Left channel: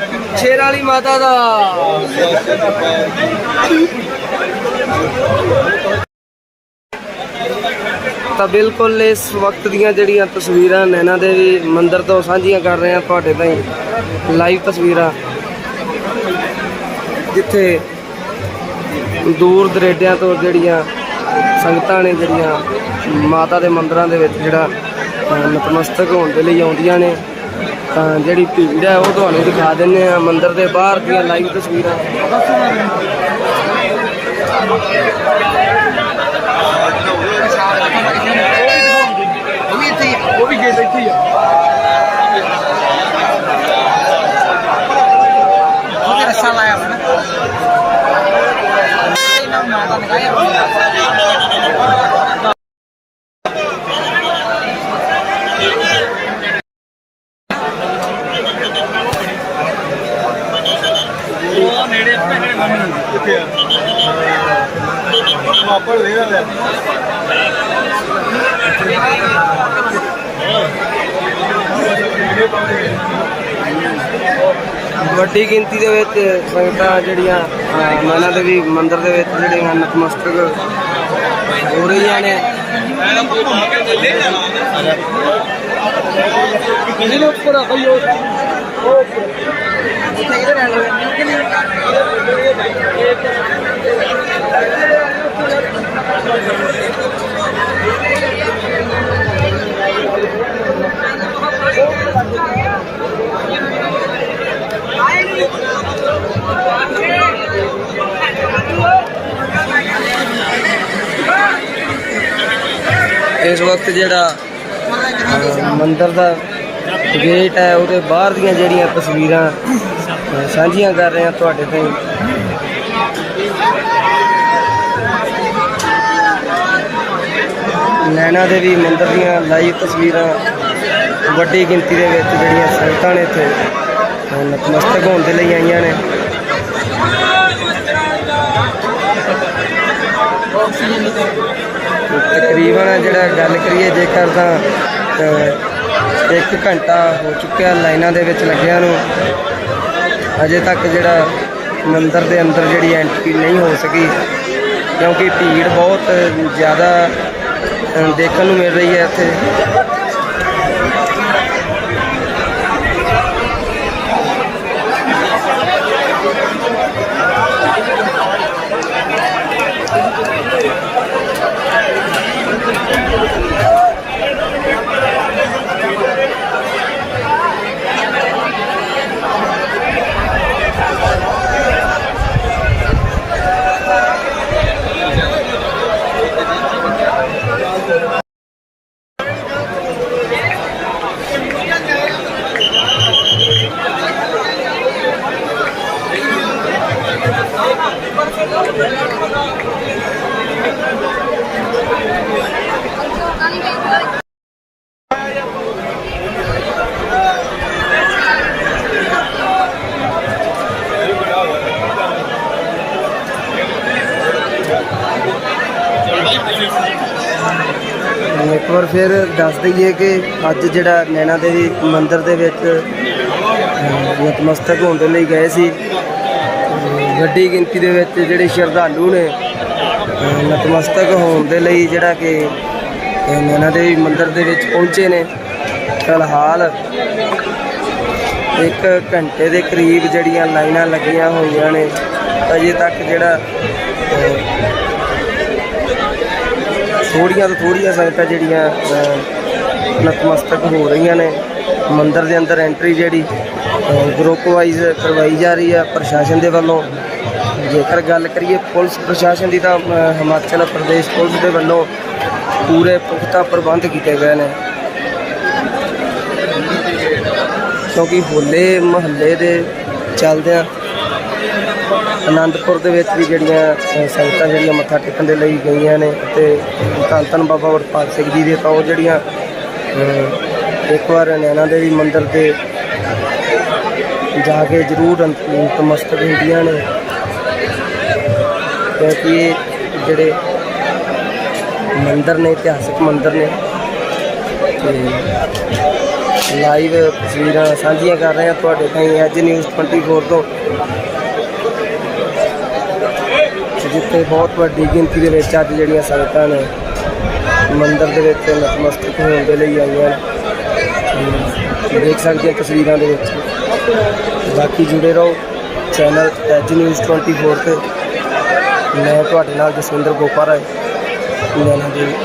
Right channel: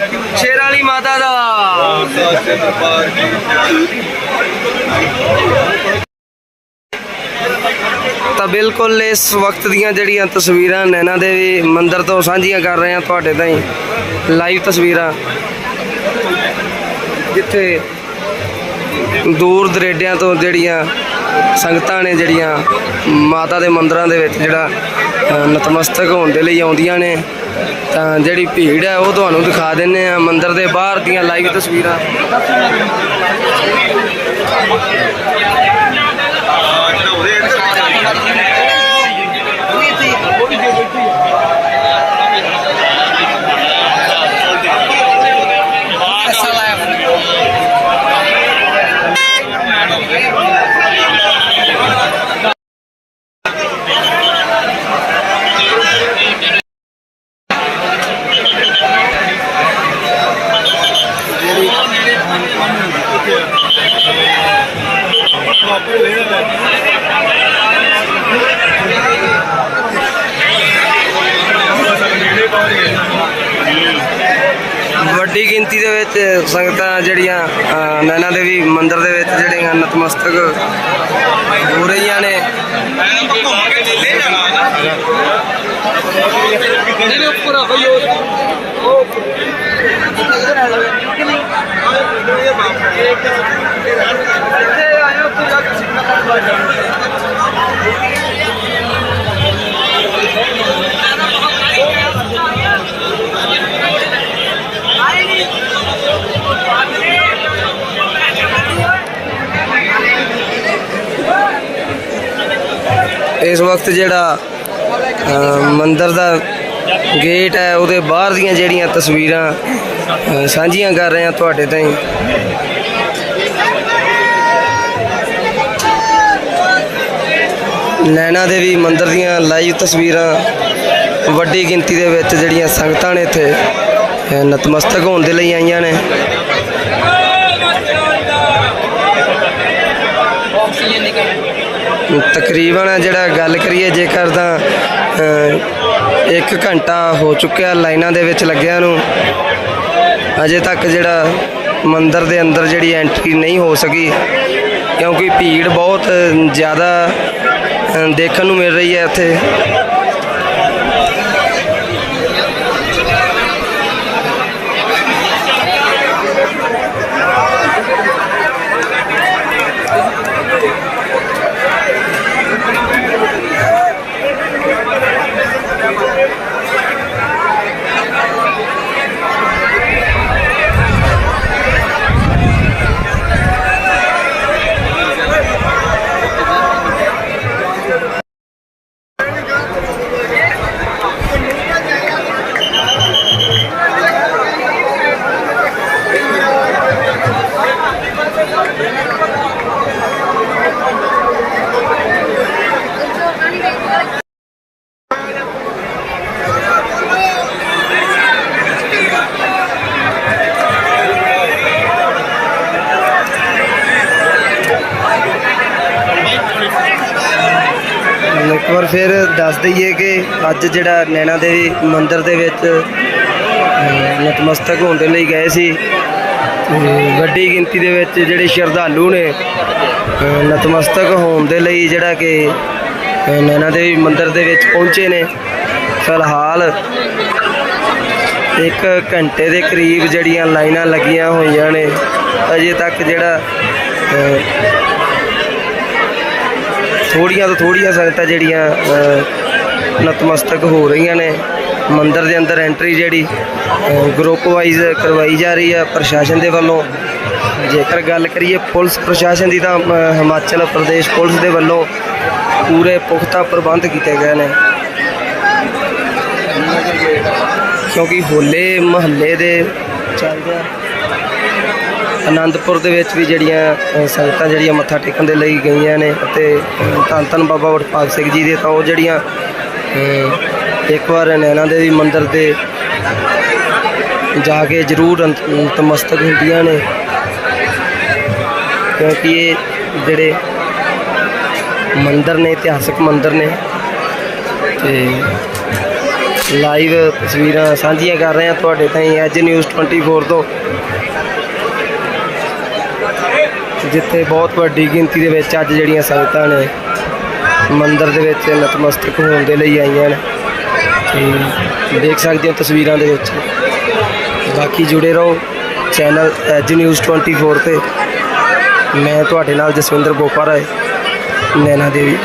ਸ਼ੇਰ ਵਾਲੀ ਮਾਤਾ ਦਾ। ਤਾਂ ਬਿਲਕੁਲ ਇਸ ਵਕਤ ਦੀਆਂ ਜਿਹੜੀਆਂ ਤਸਵੀਰਾਂ ਨੈਣਾ ਦੇਵੀ ਮੰਦਿਰ ਤੋਂ ਸਾਂਝੀਆਂ ਕਰ ਰਹੇ ਹਾਂ ਤੁਹਾਡੇ ਤਾਈਂ। ਲਾਈਵ ਤਸਵੀਰਾਂ। ਜਿੱਥੇ ਦੂਰ ਦਰੇਡਿਆਂ ਤੋਂ ਜਿਹੜੀਆਂ ਸੰਗਤਾਂ ਨੇ, ਜਿਹੜੀਆਂ ਮਾਤਾ ਦੇ ਮੰਦਰਾਂ ਦੇ ਵਿੱਚ ਜਿਹੜਾ ਨਤਮਸਤਕ ਹੋਣ ਦੇ ਲਈ ਆਉਂਦੀਆਂ ਨੇ। ਤਾਂ ਜਿਹੜੀ ਭੀੜ ਹੈ ਉਹ ਤੁਹਾਨੂੰ ਦਿਖਾ ਦਿੰਨੇ ਆ ਮੰਦਿਰ ਦੇ ਬਾਹਰ ਦੀਆਂ ਲਾਈਵ ਤਸਵੀਰਾਂ। ਵੱਡੀ ਗਿਣਤੀ ਦੇ ਵਿੱਚ ਸੰਗਤਾਂ ਜਿਹੜੀਆਂ ਅ, ਨੈਣਾ ਦੇਵੀ ਮੰਦਿਰ ਦੇ ਵਿੱਚ ਜਿਹੜੀਆਂ ਨਤਮਸਤਕ ਹੋ ਰਹੀਆਂ ਨੇ। ਇਸ ਵਕਤ ਜਿਹੜਾ ਮੰਦਰ ਦਾ ਗੇਟ ਹੈ, ਉਹਦੇ ਬਾਹਰ ਦੀਆਂ ਜਿਹੜੀਆਂ ਤਸਵੀਰਾਂ ਸਾਂਝੀਆਂ ਕਰ ਰਹੇ ਹਾਂ ਤੁਹਾਡੇ ਤਾਈਂ। ਨੈਣਾ ਦੇਵੀ ਮੰਦਿਰ ਦੀਆਂ ਲਾਈਵ ਤਸਵੀਰਾਂ, ਵੱਡੀ ਗਿਣਤੀ ਦੇ ਵਿੱਚ ਜਿਹੜੀਆਂ ਸੰਗਤਾਂ ਨੇ ਇੱਥੇ ਨਤਮਸਤਕ ਹੋਣ ਦੇ ਲਈ ਆਈਆਂ ਨੇ। ਤਕਰੀਬਨ ਜਿਹੜਾ ਗੱਲ ਕਰੀਏ ਜੇਕਰ ਤਾਂ ਅ, ਇੱਕ ਘੰਟਾ ਹੋ ਚੁੱਕਿਆ ਲਾਈਨਾਂ ਦੇ ਵਿੱਚ ਲੱਗਿਆਂ ਨੂੰ। ਅਜੇ ਤੱਕ ਜਿਹੜਾ ਮੰਦਿਰ ਦੇ ਅੰਦਰ ਜਿਹੜੀ ਐਂਟਰੀ ਨਹੀਂ ਹੋ ਸਕੀ ਕਿਉਂਕਿ ਭੀੜ ਬਹੁਤ ਜ਼ਿਆਦਾ ਦੇਖਣ ਨੂੰ ਮਿਲ ਰਹੀ ਹੈ ਇੱਥੇ। ਇੱਕ ਵਾਰ ਫਿਰ ਦੱਸ ਦਈਏ ਕਿ ਅੱਜ ਜਿਹੜਾ ਨੈਣਾ ਦੇਵੀ ਮੰਦਿਰ ਦੇ ਵਿੱਚ ਨਤਮਸਤਕ ਹੋਣ ਦੇ ਲਈ ਗਏ ਸੀ। ਵੱਡੀ ਗਿਣਤੀ ਦੇ ਵਿੱਚ ਜਿਹੜੇ ਸ਼ਰਧਾਲੂ ਨੇ ਨਤਮਸਤਕ ਹੋਣ ਦੇ ਲਈ ਜਿਹੜਾ ਕਿ ਨੈਣਾ ਦੇਵੀ ਮੰਦਿਰ ਦੇ ਵਿੱਚ ਪਹੁੰਚੇ ਨੇ। ਫਿਲਹਾਲ ਇੱਕ ਘੰਟੇ ਦੇ ਕਰੀਬ ਜਿਹੜੀਆਂ ਲਾਈਨਾਂ ਲੱਗੀਆਂ ਹੋਈਆਂ ਨੇ, ਅਜੇ ਤੱਕ ਜਿਹੜਾ ਥੋੜੀਆਂ ਤੋਂ ਥੋੜੀਆਂ ਸੰਗਤਾਂ ਜਿਹੜੀਆਂ ਨਤਮਸਤਕ ਹੋ ਰਹੀਆਂ ਨੇ। ਮੰਦਿਰ ਦੇ ਅੰਦਰ ਐਂਟਰੀ ਜਿਹੜੀ ਗਰੁੱਪ ਵਾਈਜ਼ ਕਰਵਾਈ ਜਾ ਰਹੀ ਹੈ ਪ੍ਰਸ਼ਾਸਨ ਦੇ ਵੱਲੋਂ। ਜੇਕਰ ਗੱਲ ਕਰੀਏ ਪੁਲਿਸ ਪ੍ਰਸ਼ਾਸਨ ਦੀ ਤਾਂ ਹਿਮਾਚਲ ਪ੍ਰਦੇਸ਼ ਪੁਲਿਸ ਦੇ ਵੱਲੋਂ ਪੂਰੇ ਪੁਖਤਾ ਪ੍ਰਬੰਧ ਕੀਤੇ ਗਏ ਨੇ। ਕਿਉਂਕਿ ਹੋਲੇ ਮਹੱਲੇ ਦੇ ਚੱਲਦਿਆਂ ਆਨੰਦਪੁਰ ਦੇ ਵਿੱਚ ਵੀ ਜਿਹੜੀਆਂ ਸੰਗਤਾਂ ਜਿਹੜੀਆਂ ਮੱਥਾ ਟੇਕਣ ਦੇ ਲਈ ਗਈਆਂ ਨੇ ਅਤੇ ਧੰਨ ਧੰਨ ਬਾਬਾ ਵਡਭਾਗ ਸਿੰਘ ਜੀ ਦੇ ਤਾਂ ਉਹ ਜਿਹੜੀਆਂ ਇੱਕ ਵਾਰ ਨੈਣਾ ਦੇਵੀ ਮੰਦਿਰ ਦੇ ਜਾ ਕੇ ਜ਼ਰੂਰ ਅੰਤ- ਨਤਮਸਤਕ ਹੁੰਦੀਆਂ ਨੇ। ਕਿਉਂਕਿ ਇਹ ਜਿਹੜੇ ਮੰਦਿਰ ਨੇ, ਇਤਿਹਾਸਕ ਮੰਦਿਰ ਨੇ, ਤੇ ਲਾਈਵ ਤਸਵੀਰਾਂ ਸਾਂਝੀਆਂ ਕਰ ਰਹੇ ਹਾਂ ਤੁਹਾਡੇ ਤਾਈਂ ਅੱਜ ਨਿਊਜ਼ 24 ਤੋਂ। ਜਿੱਥੇ ਬਹੁਤ ਵੱਡੀ ਗਿਣਤੀ ਦੇ ਵਿੱਚ ਅੱਜ ਜਿਹੜੀਆਂ ਸੰਗਤਾਂ ਨੇ ਮੰਦਿਰ ਦੇ ਵਿੱਚ ਨਤਮਸਤਕ ਹੋਣ ਦੇ ਲਈ ਆਈਆਂ ਨੇ। ਤੇ ਦੇਖ ਸਕਦੇ ਹੋ ਤਸਵੀਰਾਂ ਦੇ ਵਿੱਚ। ਬਾਕੀ ਜੁੜੇ ਰਹੋ ਚੈਨਲ ਐਜ ਨਿਊਜ਼ 24 ਤੇ। ਮੈਂ ਤੁਹਾਡੇ ਨਾਲ ਜਸਵਿੰਦਰ ਗੋਪਾ ਹੈ ਨੈਣਾ ਦੇਵੀ।